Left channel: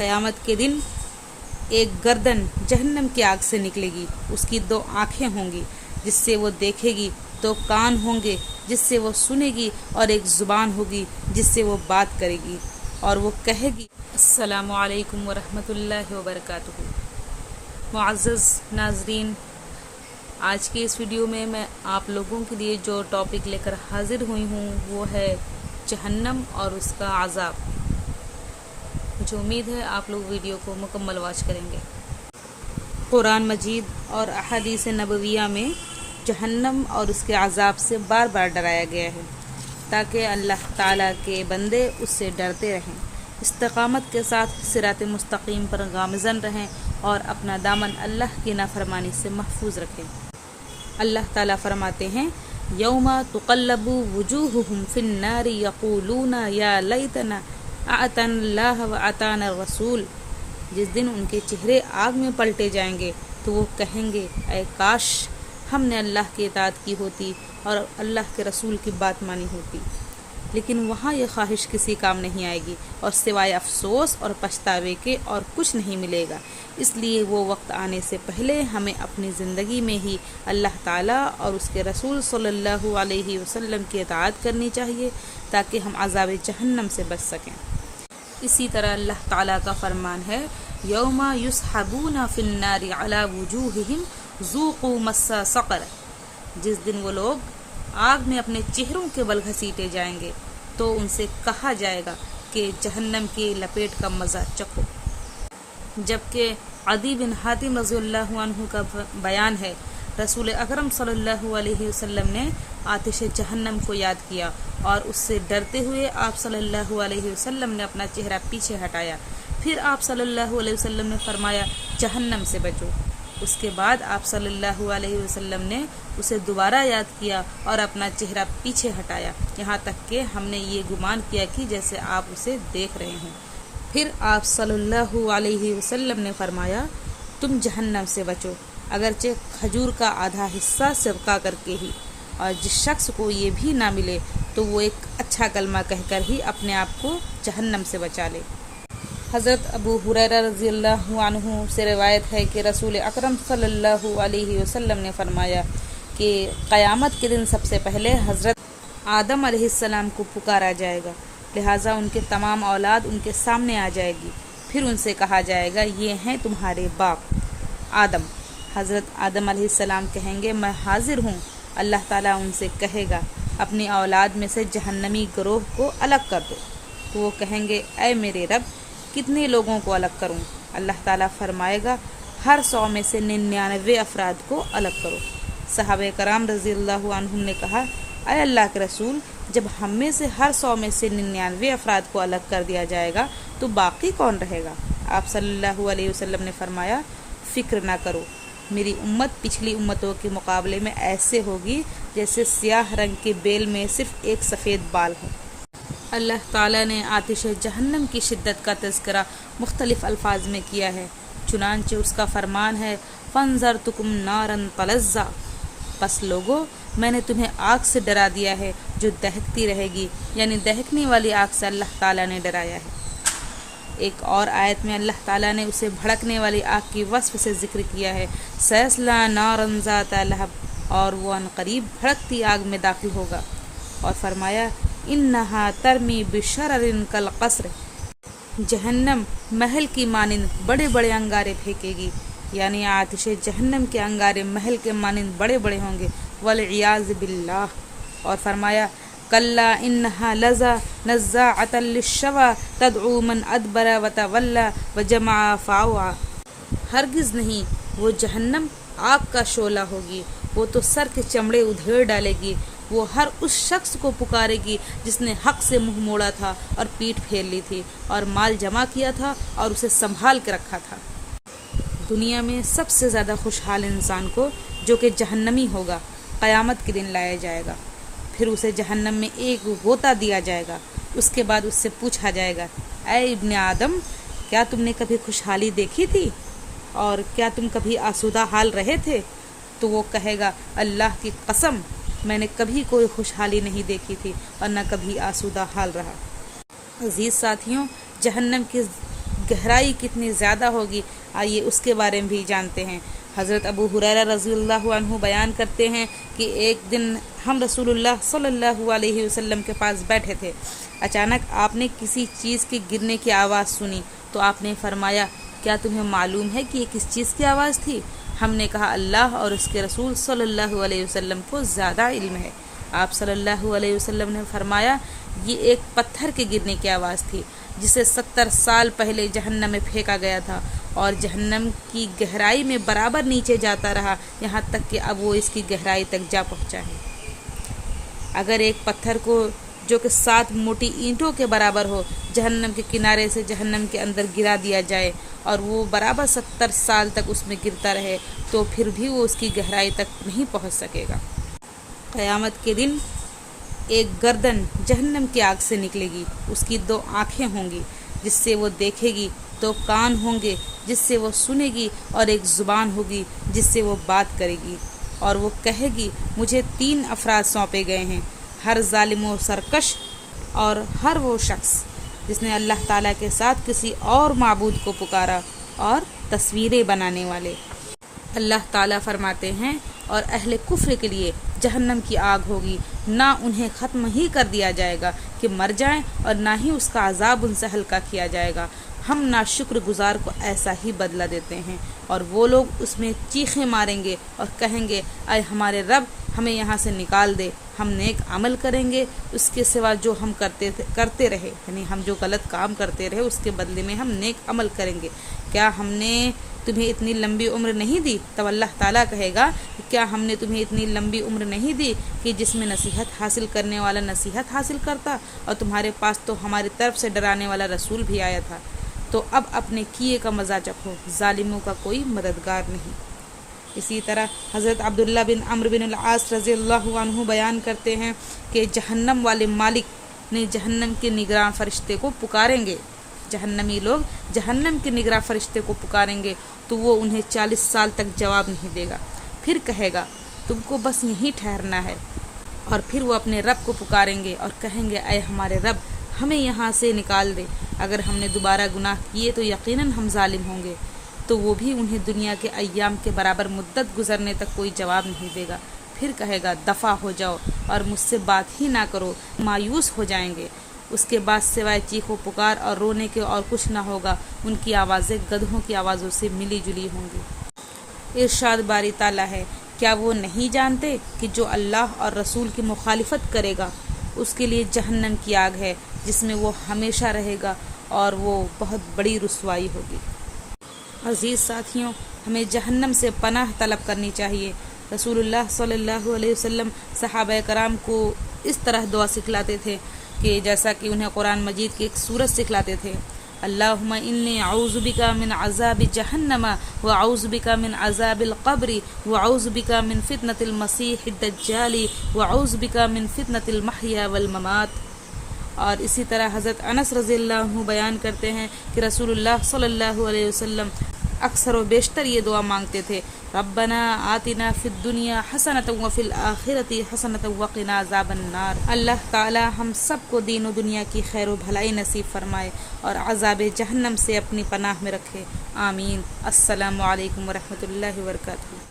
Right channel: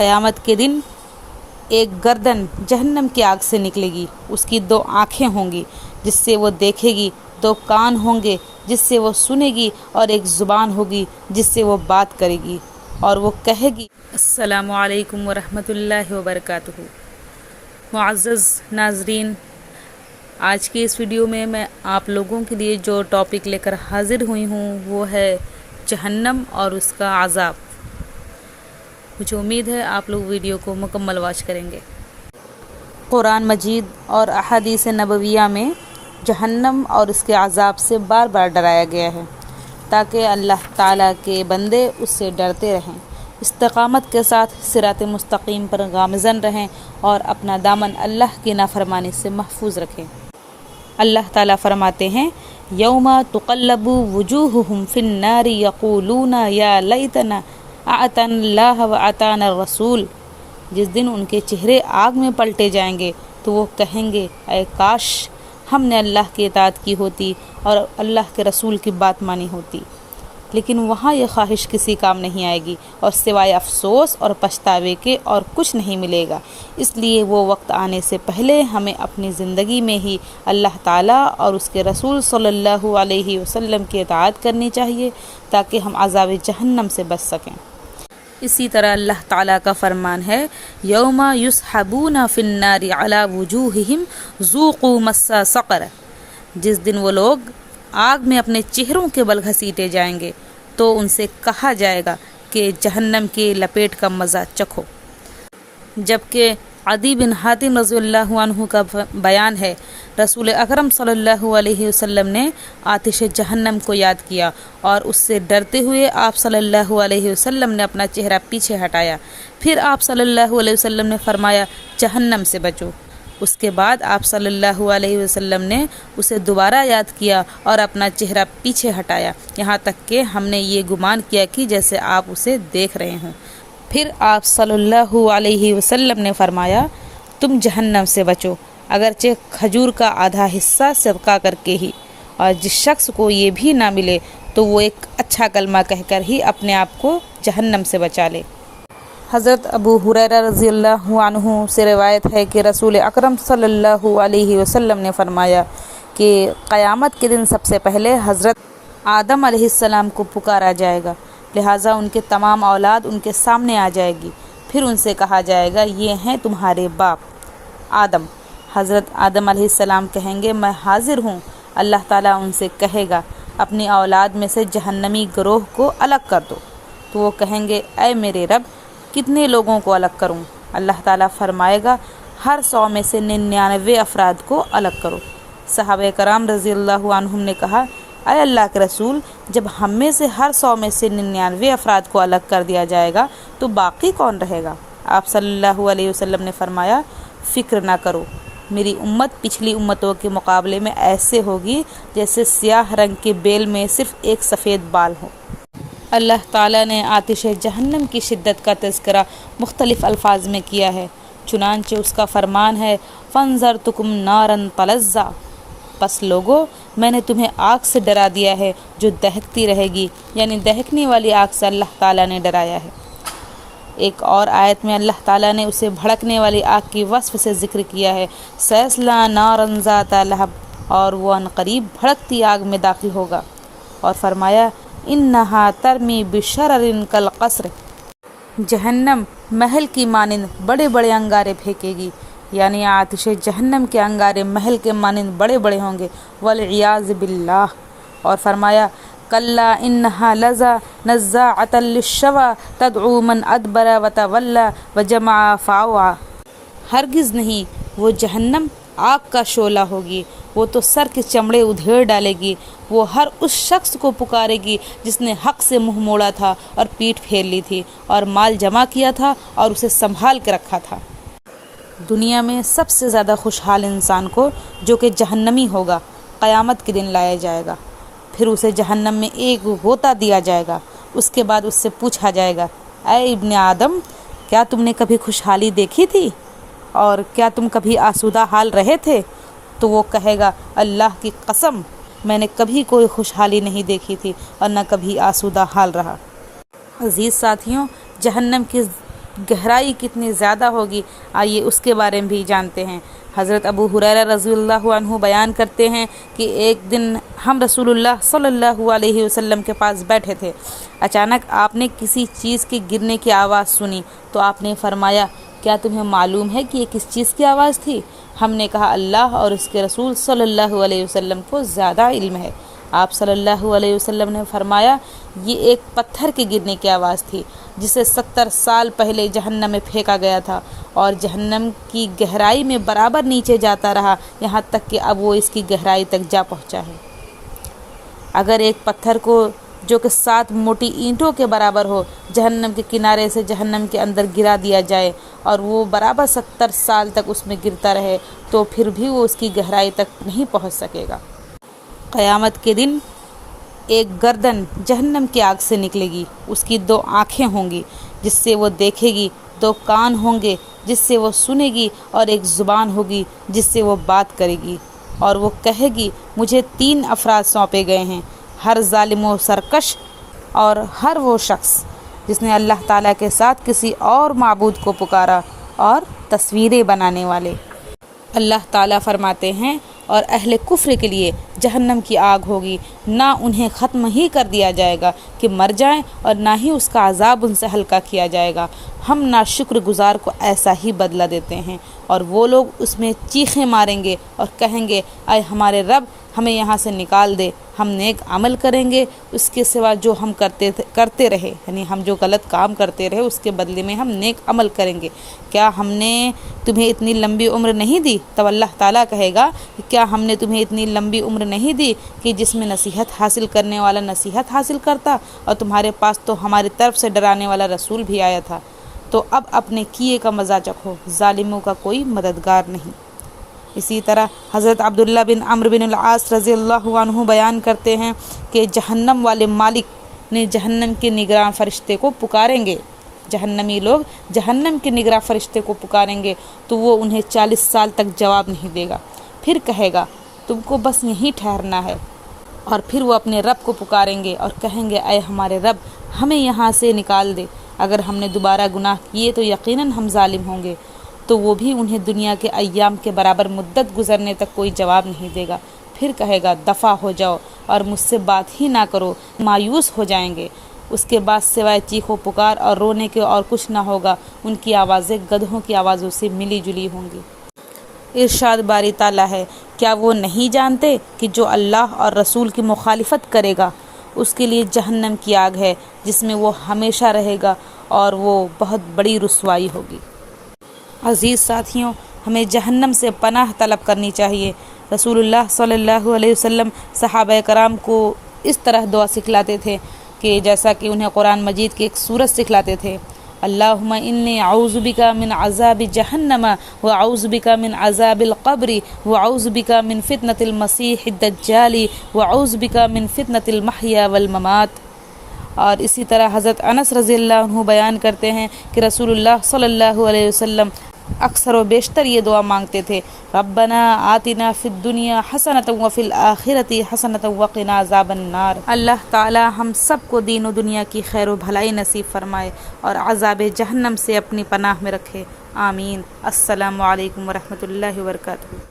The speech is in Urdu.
قیامت کے دن ایک گردن جہنم کی آگ سے نکلے گی، اس کی 2 آنکھیں ہوں گی جس سے وہ دیکھے گی، 2 کان ہوں گے جس سے وہ سنے گی، اور ایک زبان ہوگی جس سے وہ بات کرے گی، اور وہ کہے گی السلام علیکم ورحمۃ اللہ وبرکاتہ۔ معزز ناظرین، آج کی اس ویڈیو میں آپ لوگوں کے لیے جو ٹاپک لے کر حاضر ہوئی ہوں وہ ہے جہنم اور اس کا عذاب۔ مجھے امید ہے آپ لوگ ویڈیو کو مکمل واچ کریں گے۔ قرآن مجید اور احادیث نبویہ میں جہنم اور اس کے عذاب سے بار بار ڈرایا گیا ہے تاکہ اللہ تعالیٰ کے بندے اس سے ڈرتے رہیں، استقامت کے ساتھ صراط مستقیم پر گامزن رہیں اور اپنا دامن اللہ کی نافرمانی سے محفوظ رکھیں۔ اللہ تعالیٰ فرماتے ہیں یوم تقلب وجوہہم فی النار یقولون یا لیتنا اطعنا اللہ واطعنا الرسول۔ جس دن ان کے چہرے آگ میں پلٹے جائیں گے تو وہ کہیں گے اے کاش ہم نے اللہ کی اطاعت کی ہوتی اور اللہ کے رسول کی بات مانی ہوتی۔ لیکن وہاں یہ خواہش کسی کام نہیں آئے گی اور سوائے افسوس اور پچھتاوے کے اور کچھ نہیں ملے گا۔ اس لیے وہ وقت آنے سے پہلے ہمیں اپنی زندگی میں ہی اللہ تعالیٰ اور اس کے رسول صلی اللہ علیہ وسلم کی اطاعت کرنی چاہیے تاکہ ہم عذاب جہنم سے بچ سکیں۔ اسی طرح اللہ تعالیٰ کا فرمان ہے یوم یسحبون فی النار علی وجوہہم ذوقوا مس سقر۔ جس دن وہ لوگ آگ میں اپنے چہروں کے بل گھسیٹے جائیں گے تو ان سے کہا جائے گا کہ جہنم کی لپیٹ کا مزہ چکھو۔ جبکہ عدی بن حاتم رضی اللہ عنہ کا بیان ہے رسول اکرم صلی اللہ علیہ وسلم نے آتش جہنم کو یاد کیا اور اس سے ڈرتے ہوئے آپ صلی اللہ علیہ وسلم نے اپنا چہرہ پیچھے ہٹایا۔ پھر آپ صلی اللہ علیہ وسلم نے فرمایا جہنم سے بچو۔ اس کے بعد آپ صلی اللہ علیہ وسلم نے اسے دوبارہ یاد کیا اور اپنا چہرہ پیچھے ہٹایا، یہاں تک کہ ہم نے یہ گمان کیا کہ جیسے آپ اسے دیکھ رہے ہوں۔ پھر آپ صلی اللہ علیہ وسلم نے فرمایا تم جہنم سے بچو، اگرچہ کھجور کا آدھا حصہ صدقہ کر کے ہی، اور جس شخص کو یہ بھی نہ ملے تو وہ ایک اچھا کلمہ کہہ کر ہی اپنے آپ کو جہنم سے بچا لے۔ حضرت ابو ہریرہ رضی اللہ عنہ سے روایت ہے کہ رسول اکرم صلی اللہ علیہ وسلم نے فرمایا کہ قیامت کے دن سب سے پہلے حضرت آدم علیہ السلام کو پکارا جائے گا، لہٰذا ان کے تمام اولاد ان کے سامنے آ جائے گی۔ پھر ان سے کہا جائے گا یہ ہیں تمہارے باپ آدم۔ حضرت آدم علیہ السلام کہیں گے میں حاضر ہوں۔ اللہ تعالیٰ ان سے کہے گا اپنی اولاد میں سے جہنمی گروہ کو الگ کر دو، تو وہ کہیں گے اے میرے رب کتنے لوگوں کو الگ کروں؟ اللہ تعالیٰ فرمائے گا ہر 100 میں سے 99 افراد کو الگ کرو۔ صحابہ کرام رضی اللہ عنہم نے کہا اے اللہ کے رسول جب ہم میں سے ہر 100 میں سے 99 افراد کو الگ کر دیا جائے گا تو باقی کون رہے گا؟ آپ صلی اللہ علیہ وسلم نے فرمایا فکر نہ کرو، میری امت پچھلی امتوں کے مقابلے میں ایسے ہوگی جیسے سیاہ رنگ کے بیل میں صرف ایک سفید بال ہو۔ اللہ تعالیٰ نے آتش جہنم کی شدت کا تذکرہ مختلف الفاظ میں کیا ہے، چنانچہ اس کا فرمان ہے فَانذَرْتُكُمْ نَارًا تَلَظَّىٰ۔ پس لوگو میں نے تمہیں آگ سے ڈرا دیا ہے جو دہکتی رہے گی، یعنی دہکنے والی آگ سے اللہ تعالیٰ نے ڈرایا ہے۔ ایک اور آیت میں اللہ تعالیٰ نے اسے بھڑکنے والی آگ کی وصف سے ذکر کیا ہے سَيَصْلَىٰ نَارًا ذَاتَ لَهَبٍ، اور وہ عنقریب بھڑکتی آگ میں داخل ہوگا، اور فرمایا اِنَّهَا تَرْمِي بِشَرَرٍ كَالْقَصْرِ۔ جہنم محل کی مانند بڑے بڑے انگارے پھینکے گی، یعنی آتش جہنم کے انگارے محل کے مانند بڑے بڑے ہوں گے والعیاذ باللہ۔ اور فرمایا کلا انہا لظا نزاعۃ للشوی تدعو من ادبر وتولی وجمع فاوعی۔ ہرگز نہیں، وہ جہنم آگ کا شعلہ ہوگی، وہ تو سر کے چمڑے ادھیڑ ڈالے گی، وہ ہر اس شخص کو پکارے گی جس نے حق سے منہ موڑا تھا اور پیٹھ پھیر لی تھی اور مال جمع کیا تھا اور اسے سنبھال کے رکھا تھا۔ دنیا میں سب سے زیادہ خوشحال انسان کو جو کہ جہنمی ہوگا قیامت کے دن لایا جائے گا، پھر اسے جہنم میں ایک غوطہ دیا جائے گا، اس کے بعد اس سے پوچھا جائے گا اے ابن آدم کیا تم نے کبھی خوشحالی دیکھی تھی اور کیا تم کبھی آسودہ حال رہے تھے؟ تو وہ کہے گا اللہ کی قسم میں نے کبھی کوئی خوشحالی نہیں دیکھی تھی اور نہ کبھی آسودہ حال رہا۔ عزیز ساتھیوں، جہنم کی گہرائی کتنی زیادہ ہوگی، آئیے اس کے بارے میں بھی جانتے ہیں۔ حضرت ابو ہریرہ رضی اللہ عنہ بیان کرتے ہیں کہ ایک دن ہم رسول اللہ صلی اللہ علیہ وسلم کے پاس بیٹھے تھے، اچانک آپ نے کسی چیز کے گرنے کی آواز سنی تو آپ نے فرمایا، کیا تمہیں معلوم ہے کہ یہ کس چیز کی آواز تھی؟ ہم نے کہا، اللہ اور اس کے رسول صلی اللہ علیہ وسلم کو زیادہ علم ہے۔ آپ صلی اللہ علیہ وسلم نے فرمایا، یہ ایک پتھر کے گرنے کی آواز تھی جسے 70 سال پہلے جہنم میں پھینکا گیا تھا اور جہنم کی گہرائی میں برابر نیچے جاتا رہا یہاں تک کہ اب وہ اس کی گہرائی تک جا پہنچا ہے۔ اگر ایک پتھر کو جو کہ 7 موٹی اینٹوں کے برابر ہو جہنم کے کنارے سے جہنم کے اندر گرا دیا جائے اور وہ برابر 70 سال تک اس میں گرتا رہے تو پھر بھی وہ اس کی گہرائی تک نہیں پہنچ سکے گا۔ قیامت کے دن ایک گردن جہنم کی آگ سے نکلے گی، اس کی 2 آنکھیں ہوں گی جس سے وہ دیکھے گی، 2 کان ہوں گے جس سے وہ سنے گی اور ایک زبان ہوگی جس سے وہ بات کرے گی، اور وہ کہے گی، مجھے 3 افراد سونپے گئے ہیں، ہر ظالم و سرکش اور ہر وہ شخص جس نے اللہ تعالیٰ کے ساتھ کسی اور معبود کو پکارا اور تصویریں بنانے والے۔ اللہ تعالیٰ فرماتے ہیں، اور اہل کفر کے لیے جہنم کی آگ ہوگی، نہ انہیں ختم ہی کر دیا جائے گا کہ مر جائیں اور نہ ہی اس کا عذاب ان سے ہلکا کیا جائے گا۔ ہم ناشکر گزار کو ایسا ہی بدلہ دیتے ہیں، اور وہ لوگ اس میں چیخیں ماریں گے اور کہیں گے، اے ہمارے رب، ہمیں یہاں سے نکال دے، ہم نیک عمل کریں گے اس کے سوا جو ہم کرتے رہے، یعنی ہم جو غلط کام کرتے رہے اس کے بدلے میں ہم نیک عمل کریں گے۔ کیا ہم نے تمہیں اتنی لمبی عمر نہیں دی؟ تو اللہ تعالیٰ کہے گا کہ کیا ہم نے تمہیں اتنی لمبی عمر نہیں دی کہ جس میں نصیحت حاصل کرنے والا نصیحت حاصل کرتا، اور تمہارے پاس تو ہماری طرف سے ڈرانے والا رسول بھی آیا تھا؟ تو اب اپنے کیے کا مزہ چکھو، ظالموں کا کوئی مددگار نہیں۔ اسی طرح حضرت عبداللہ بن عمرو بن العاص رضی اللہ عنہ بیان کرتے ہیں کہ جہنم والے مالک نے جہنم کے نگراں فرشتے کو پکاریں گے، جہنمی لوگ جہنم کے نگراں فرشتے کو پکاریں گے تو وہ انہیں 40 سال تک جواب نہیں دے گا، پھر کہے گا، تم کو بس یہیں ٹھہرنا ہے، اور پھر وہ اپنے رب کو پکاریں گے اور کہیں گے، اے ہمارے رب، ہمیں یہاں سے نکال دے، اگر ہم نے دوبارہ گناہ کیے تو یقیناً ہم ظالم ہوں گے۔ تو وہ بھی انہیں دنیا کے ایام کے برابر مدت گزرنے تک کوئی جواب نہیں دے گا، پھر کہے گا، دفع ہو جاؤ اور مجھ سے بات ہی نہ کرو، مایوس ہو جائیں گے۔ اس کے بعد سوائے چیخ و پکار اور رونے کے اور کچھ نہ ہوگا، ان کی آوازیں گدھوں کی آوازوں سے ملی جلی ہوں گی۔ ارشاد باری تعالیٰ ہے، کیا وہ نہیں جانتے کہ جو اللہ اور رسول کی مخالفت کرے گا اس کے لیے جہنم کی آگ ہے جس میں وہ ہمیشہ رہے گا، اور وہ بہت بڑی رسوائی ہوگی۔ عزیز ساتھیوں، ہمیں جہنم سے پناہ طلب کرنی چاہیے۔ رسول اللہ صلی اللہ علیہ وسلم صحابہ کرام کو اس طرح دعا سکھلاتے تھے کہ جیسا کہ انہیں قرآن مجید کی ایک سورت سکھلاتے تھے، اللہم انی اعوذ بک من عذاب جہنم واعوذ بک من عذاب القبر واعوذ بک من فتنة المسیح الدجال واعوذ بک من فتنة المحیا والممات۔ اور اسی طرح حضرت انس رضی اللہ عنہ بیان کرتے ہیں کہ رسول اللہ صلی اللہ علیہ وسلم اکثر و بیشتر یہ دعا مانگتے تھے، ربنا آتنا فی الدنیا حسنۃ وفی الآخرۃ حسنۃ وقنا عذاب النار۔ اللہ تعالی ہم سب کو دین و دنیا کی خیر و بھلائی نصیب فرمائے اور عذاب جہنم سے اپنی پناہ میں رکھے، آمین۔ السلام علیکم ورحمۃ اللہ وبرکاتہ۔